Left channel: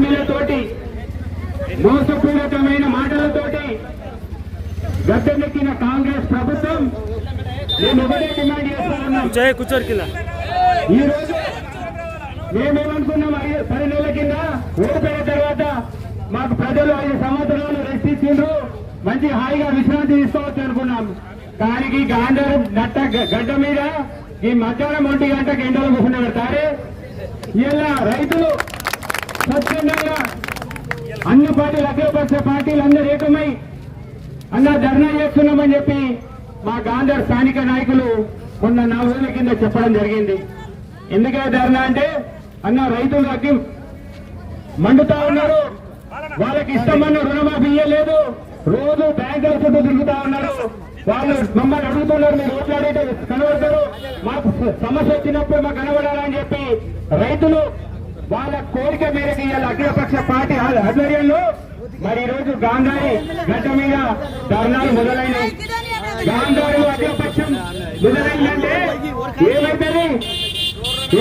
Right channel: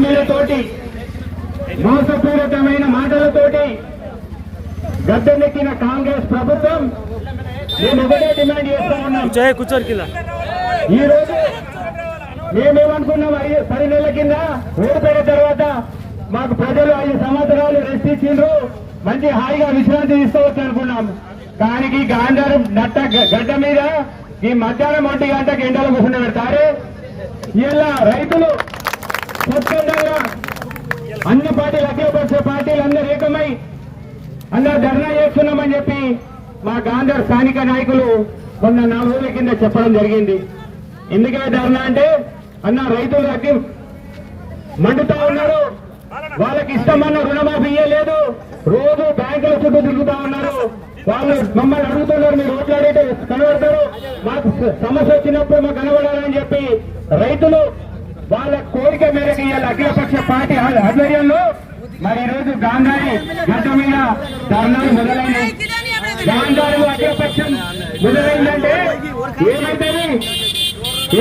హామీలతోటి మోసపూరితమైన మాటలతోటి గద్దెనెక్కిన కాంగ్రెస్ ప్రభుత్వం మేము ఒకటే డిమాండ్ చేస్తా ఉన్నాం. ఈ రోజు మేమేమనుకున్నాం ఐదు పది నెలల కింద ఓడిపోయిన తర్వాత మాకు ప్రజలు ఐదు సంవత్సరాలు రెస్ట్ ఇచ్చిండ్రు మంచి హాయిగా విశ్రాంతి తీసుకోవచ్చు అనుకున్నాం. కానీ గాంధారం నట్ట గడ్డ మీద ఈ మధ్యాహ్నం ఒంటి గంటకి ఎండల కూర్చుని పెడతారు ఇలా రైతులు స్వచ్ఛందంగా అన్ని పార్టీలు అఖిలపక్ష పార్టీలు అందరూ ఏకమై అన్న ధర్నా చేస్తున్నామని చెప్పి మా గాంధర్ స్థానిక నాయకులు కొన్న నాలుగు రోజుల కింద చెప్పడం జరిగింది. ఎందుకే ధర్నా అంటే అన్న రైతులు అగ్గి మండుతా ఉన్నారు. వాళ్ళకి ఇష్టమైన రుణమాఫీ ఇయ్యలేదు. రోజు బ్యాంకుల చుట్టూ తిరుగుతా ఉన్నారు. వాళ్ళు మమ్మల్ని అడుగుతున్నారు మీరు ఓట్లాడేట కనబడతారు. మాకు సమస్య వచ్చినప్పుడు మాకు కనబడాలని చెప్పి రైతులు వాళ్ళ కోరిక మేరకు ఇవాళ అఖిలపక్ష పార్టీ ఆధ్వర్యంలో మరి ఈ రోజు గాంధారి గడ్డ మీద ధర్నాలు మొదలైనవి. గాంధారి అఖిలపక్షం మొదలైందంటే ఏమైతుంది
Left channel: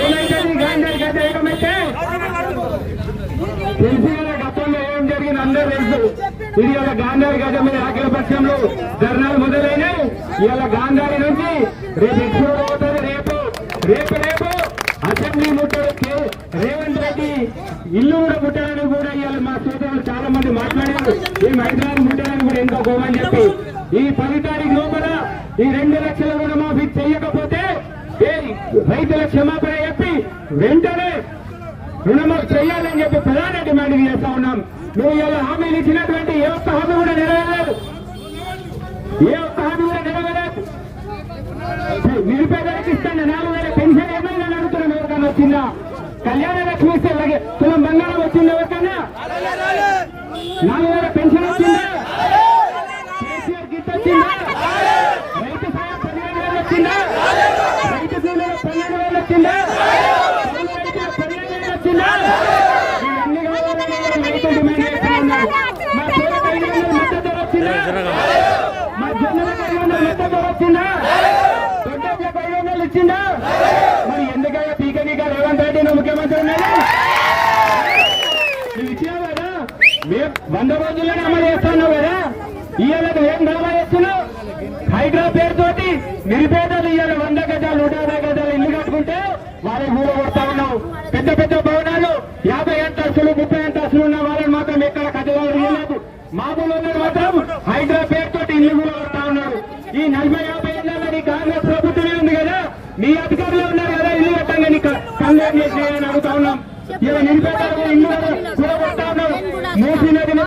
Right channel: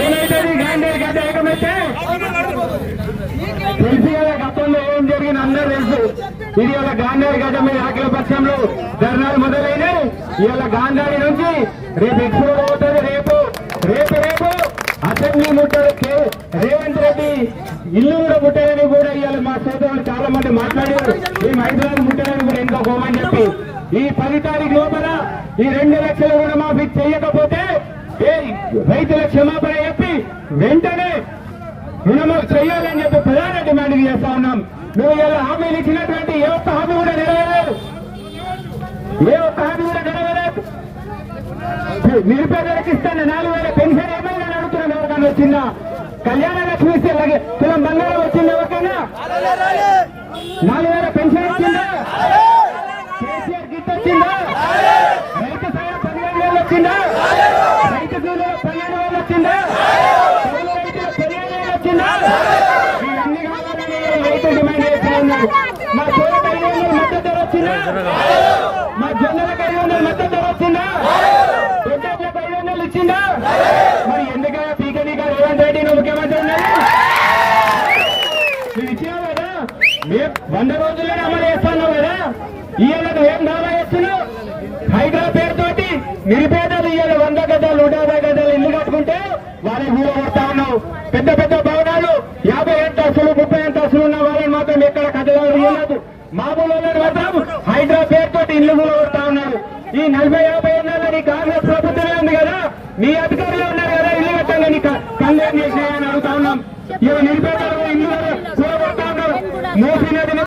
ఏమైతుంది గాంధారి గడ్డ ఏకమైతే తెలిసి కదా గతంలో ఏం జరిగింది అందరూ తెలుసు. ఇది ఇలా గాంధారి గడ్డ మీద అఖిలపక్షంలో ధర్నాలు మొదలైనాయి ఇవాళ గాంధారి నుంచి రేపు ఎక్కువ పోతుంది రేపు రేపు రేపు అసెంబ్లీ ముట్టడు రేపు కాబట్టి ఇల్లు కూడా ముట్టారని కూడా ఇవాళ మా శ్రోతలు చాలా మంది మాట్లాడారు. ఈ హైదరాబాద్ ముట్టారని కూడా ఇంకో గోమని చెప్పి. ఈ పది తారీఖు లోపల ఈ రెండు లక్షల రుణమాఫీ చేయకపోతే ఏ రైతుల క్షమాపణ చెప్పి వెంటనే రుణమాఫీ చేయాలని చెప్పి ప్రధాన డిమాండ్ చేస్తా ఉన్నాం. నువ్వు ఇలా హామీలు ఇచ్చినటువంటి ఏ ఒక్క హామీ కూడా నెరవేరలేదు. ఏ ఒక్క హామీ కూడా నెరవేరలేదు. నిరుపేదలకు ఇస్తాను. నాలుగు వేల పెన్షన్ ఏమైనా అడుగుతున్నాం ఎవరికైనా వచ్చిందా? కళ్యాణ లక్ష్మి ఇస్తే తులం బంగారం వచ్చింది ఎవరికైనా? నాలుగు వేల పెన్షన్ వచ్చిందా? కేసీఆర్ గిట్ వచ్చిందా? రైతు సాయం పదిహేను వేలు వచ్చిందా? రైతు కూలీల పదిహేను వేలు వచ్చిందా? కౌలు రైతుల పదిహేను వేలు వచ్చిందా? ఇవన్నీ కావాలని రైతు డిమాండ్ చేస్తా ఉన్నారు. మా సోలకు ఐదు వందల మద్దతు ధర వచ్చిందా? మా జొన్నలకు ఐదు వందల మద్దతు ధర వచ్చిందా? దొడ్డలకు ఐదు వందలు ఇచ్చిందా మరి ఎందుకయ్యా పీకనీక రేవంత్ రెడ్డి నువ్వు ముఖ్యమంత్రి ఉన్నాడు నువ్వు ఇచ్చినావు కదా మేము వంద రోజుల్లోనే అమలు చేస్తున్నావు కదా ఇవాళ నువ్వేం దావా చేస్తున్నావు హైడ్రా పేరుతోటి నిరుపేదలు ఇవాళ వంద గజాలు నూట యాభై గజాలు ఇల్లు కట్టుకుంటే వాళ్ళని కూడా కొడతా పెద్ద పెద్ద భవనాలు యాభై అంతస్తులు ముప్పై అంతస్తులు ఉన్న వాళ్ళని మాత్రం ఎక్కడ కథలు మామూలు మాత్రం హైడ్రా తోటి ఇల్లు కూడా కొడతా ఉన్నారు. ఈ నలభై యాభై ఏళ్ళ నీ కాంగ్రెస్ ప్రభుత్వమే ఉంది కదా? నీ అధికారులు ఉన్నారు కదా ఇల్లు కట్టంగా నీ కళ్ళు ఏం అడుగుతా ఉన్నాం. ఇవాళ నిరుపేదలు ఇల్లు